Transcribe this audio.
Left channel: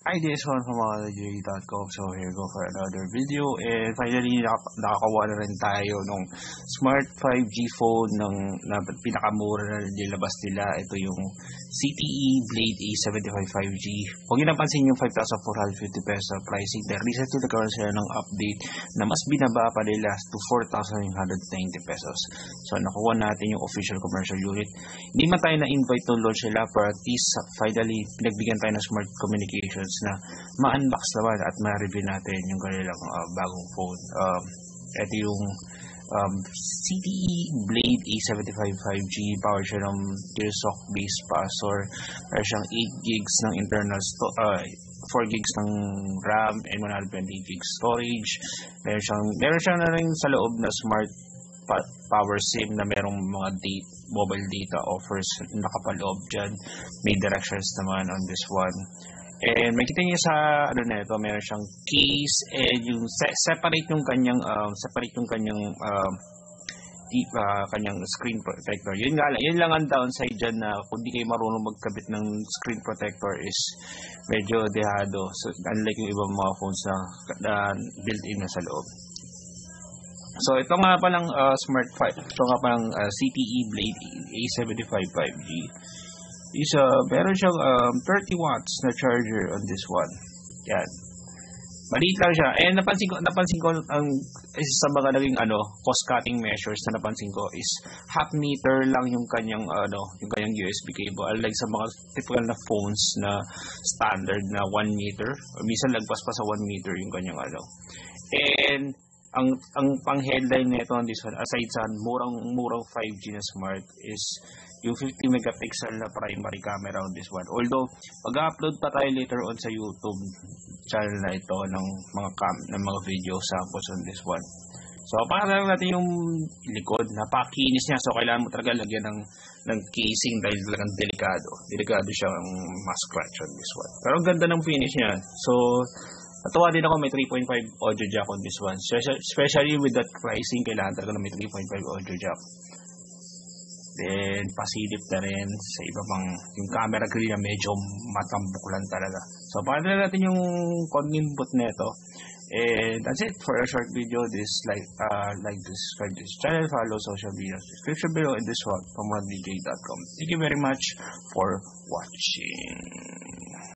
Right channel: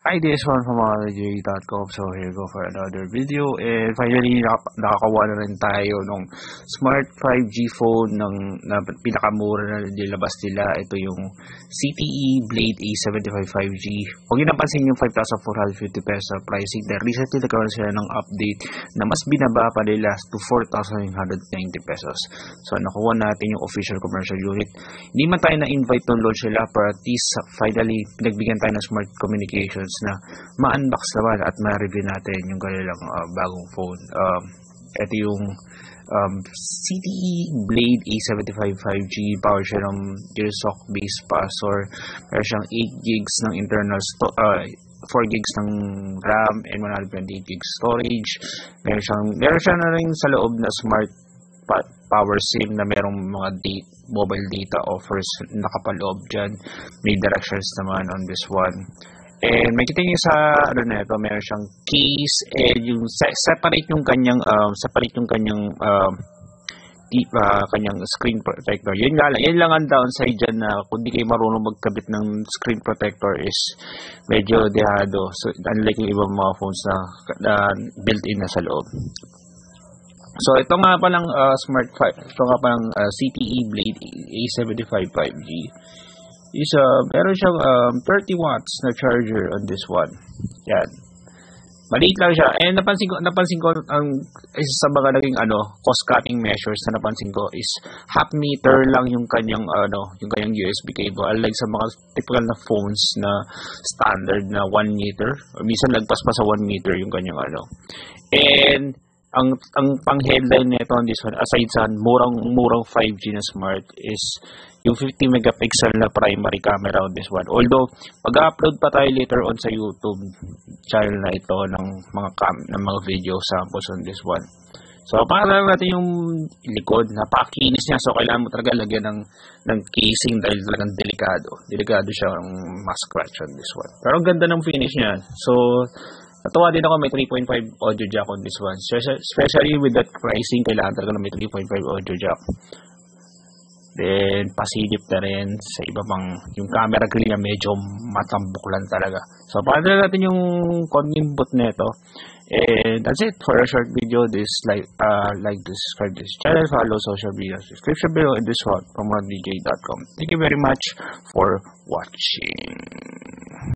Hi, this one from J.com. So here go for another video, and finally nakakuha na rin tayo ng smart 5G phone na pinakamura na nilabas nila. Ito yung CTE Blade A75 5G. Huwag niyo napansin yung 5,450 pesos pricing. Dahil recently nagkaroon sila ng update na mas binaba pa nila to 4,990 pesos. So nakuha natin yung official commercial unit. Hindi man tayo na-invite ng launch nila, pero at least finally pinagbigyan tayo ng smart communications na ma-unbox naman at ma-review natin yung kanilang bagong phone. Ito yung CTE Blade A75 5G. Power siya ng Gearsock based processor. Meron siyang 8 gigs ng internal 4 gigs ng RAM and 128 gigs storage. Meron siya na rin sa loob na smart power SIM na merong mga mobile data offers nakapaloob dyan. May directions naman on this one. And makikita niyo sa na ito, meron siyang case and yung separate yung kanyang kanyang screen protector. Yan lang ang downside dyan, na kung di kayo marunong magkabit ng screen protector is medyo dehado. So unlike yung ibang mga phones na built-in na sa loob. So ito nga palang CTE Blade A75 5G. Meron siyang 30 watts na charger on this one. Yan. Maliit lang siya. And napansin ko ang isa sa mga naging cost cutting measures na napansin ko is half meter lang yung kanyang USB cable. Unlike sa mga typical na phones na standard na 1 meter, or minsan lagpas pa sa 1 meter yung kanyang And ang pang-headline nito on this one, aside sa murang 5G na smart, is yung 50 megapixel na primary camera on this one. Although mag-upload pa tayo later on sa YouTube channel na ito ng mga video samples on this one. So para natin yung likod, napakinis niya, so kailangan mo talaga lagyan ng casing dahil talagang delikado siya ang ma-scratch on this one. Pero ang ganda ng finish niya. So natuwa din ako, may 3.5 audio jack on this one. Especially with that pricing, kailangan talaga na may 3.5 audio jack. Then pasilip na rin sa iba pang yung camera grill na medyo matambok lang talaga. So para talaga natin yung congimbot nito. And that's it for a short video. Subscribe this channel, follow social media description below, and this one from RonDJ.com. Thank you very much for watching.